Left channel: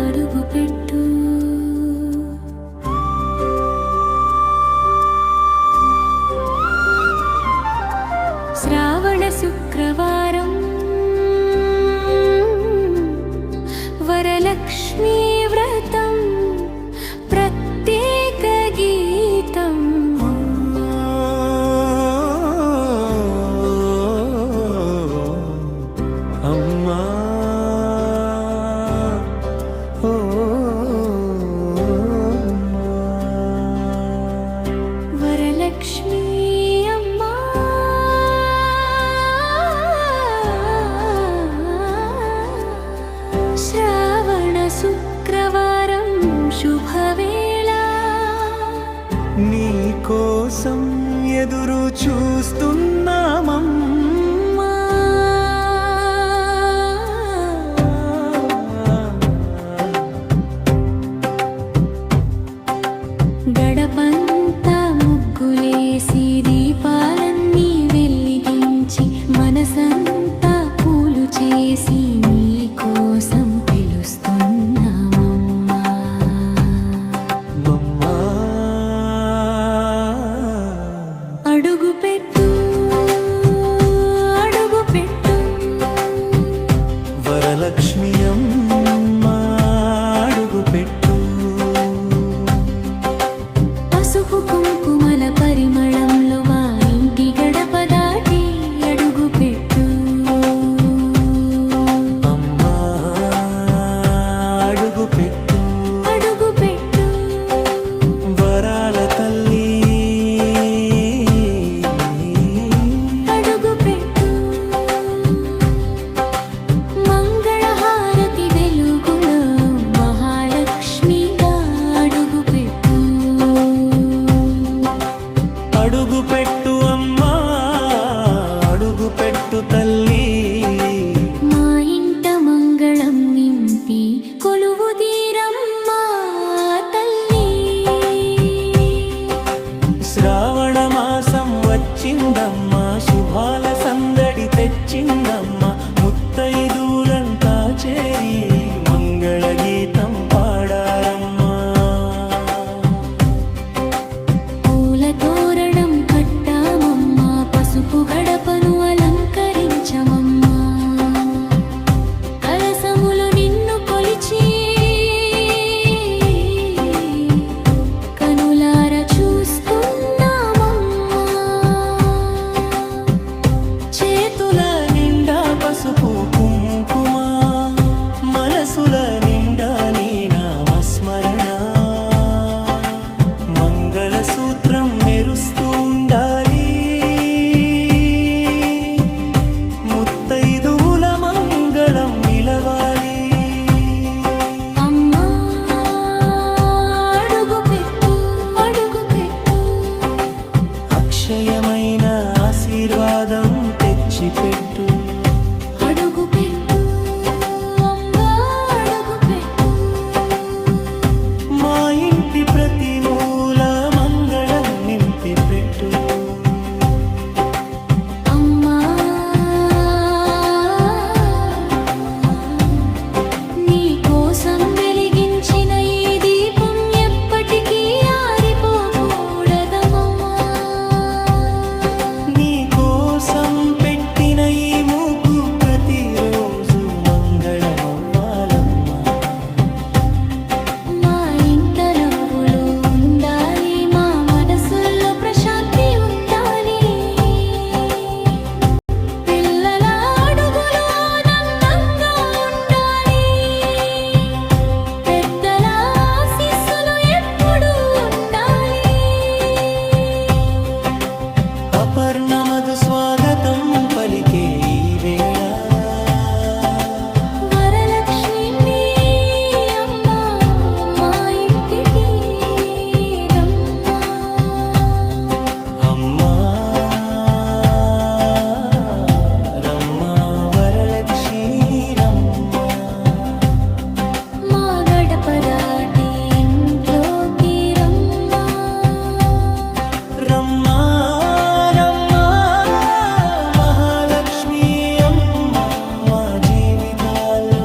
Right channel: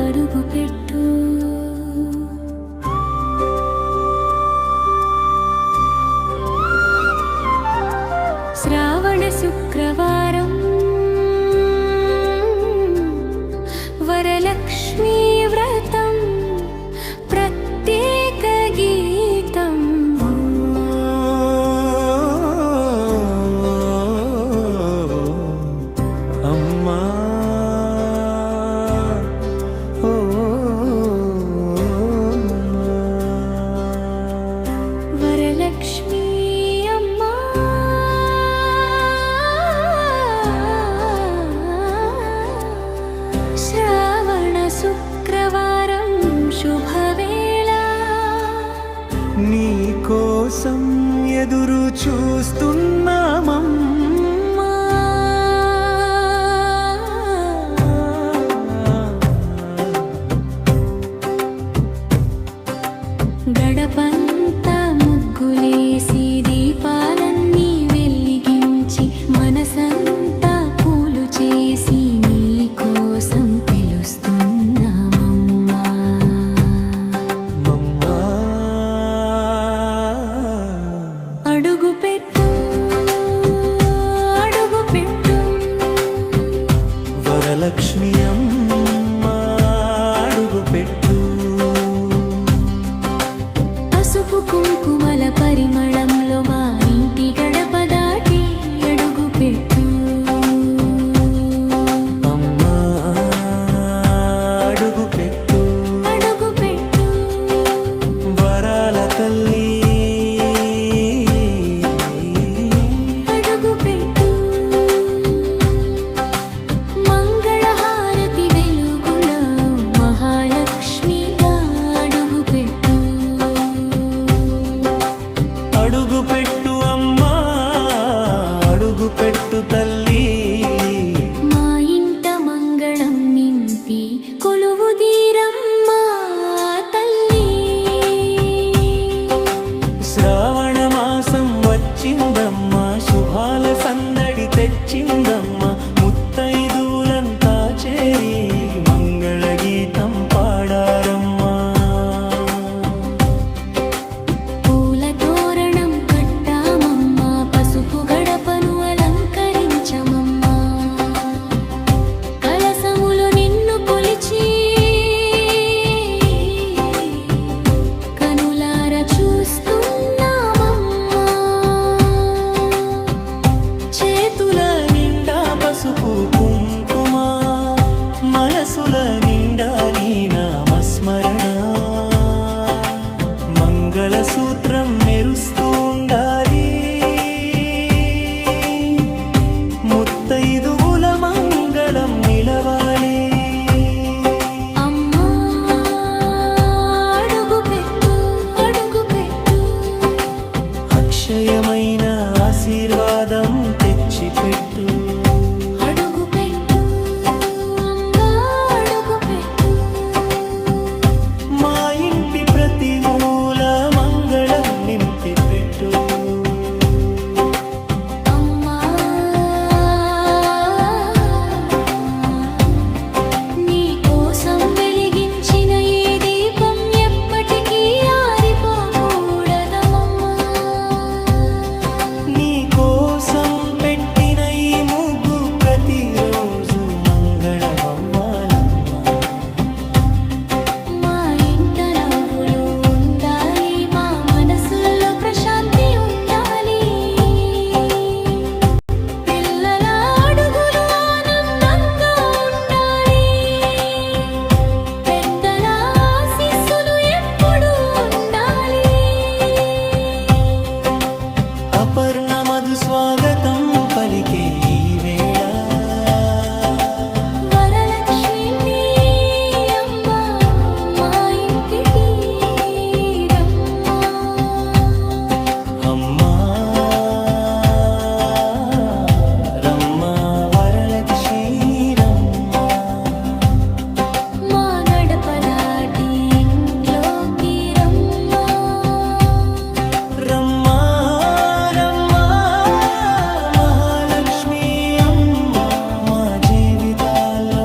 అడుగుపెట్టు. శ్రావణ శుక్రవారం వరలక్ష్మీ వ్రతం ప్రత్యేక గీతం. అమ్మా వరలక్ష్మీ అమ్మా శ్రావణ శుక్రవారం శుభవేళ నీ కోసం ఎదురు చూస్తున్నామమ్మా. గడపంతా ముగ్గులేసి దీపాలన్నీ వెలిగించి మనసంతా పూలు చేసి నీ కోసం పిలుస్తున్నామమ్మా. మమ్మా అడుగుపెట్టు అడుగుపెట్టు. వరలక్ష్మి అమ్మా అడుగుపెట్టు. పసుపు కుంకుమల పరిమళంలో మా ఇంటి గడప దాటి అడుగుపెట్టు. అమ్మా అడుగుపెట్టు. అడుగుపెట్టు. వరాల తల్లి అడుగుపెట్టు. మంగళహారతి వెలుగులో మహాలక్ష్మిగా అడుగుపెట్టు. అడుగుపెట్టు అమ్మా అడుగుపెట్టు తల్లి. మా ఇంట మంగళం నింపి కొలువుదీరమ్మా తల్లి. శ్రావణ మాసం వచ్చిందమ్మా, శుభాల సందడి తెచ్చిందమ్మా. ముత్తైదువులంతా చేరి మంగళ గీతం పాడారమ్మా. పూల తోరణం కట్టామమ్మా, పసుపు గడపను అలంకరించమమ్మా. కలసములు నిన్ను కొలిచి కనులార చూస్తున్నామమ్మా. చేతుల నిండా పసుపు కుంకుమ, మనసుల నిండా నీ నామస్మరణ. మంగళసూత్రం మెరుస్తూ ఉండాలి, ముత్తైదువుల మంగళం నిలవాలి. అమ్మా అడుగుపెట్టు అడుగుపెట్టు. అక్షయమైన ఆశీర్వాదం తెచ్చిపెట్టు. అడుగుపెట్టు అమ్మా అడుగుపెట్టు. మా ఇంటి ప్రతి మూల మంగళం నింపి పెట్టు. అమ్మా నీ కోసం వెలిగించిన ఈ దీపం ఎప్పటికీ ఆరిపోకూడదమ్మా. నీ కోసం పెట్టిన ఈ ముగ్గు ప్రతిరోజు మంగళమవ్వాలమ్మా. మా ఇంట నవ్వులు ఉండాలి, మా మనసుల్లో ప్రశాంతి ఉండాలి. పిల్లల అడుగులు ఆనందంగా ఉండాలి, పెద్దల ఆశీస్సులు ఎప్పుడూ ఉండాలి. అపర్ణ మధు స్వాగతం పలికే ఈ వేళ. వరలక్ష్మి అమ్మా మా ఇంటికి రమ్మా. అమ్మా రమ్మా వరలక్ష్మి రమ్మా. మా గడప దాటి ఇంట్లోకి రమ్మా. రమ్మా రమ్మా మహాలక్ష్మి అమ్మా. మా జీవితం జీవితాల్లో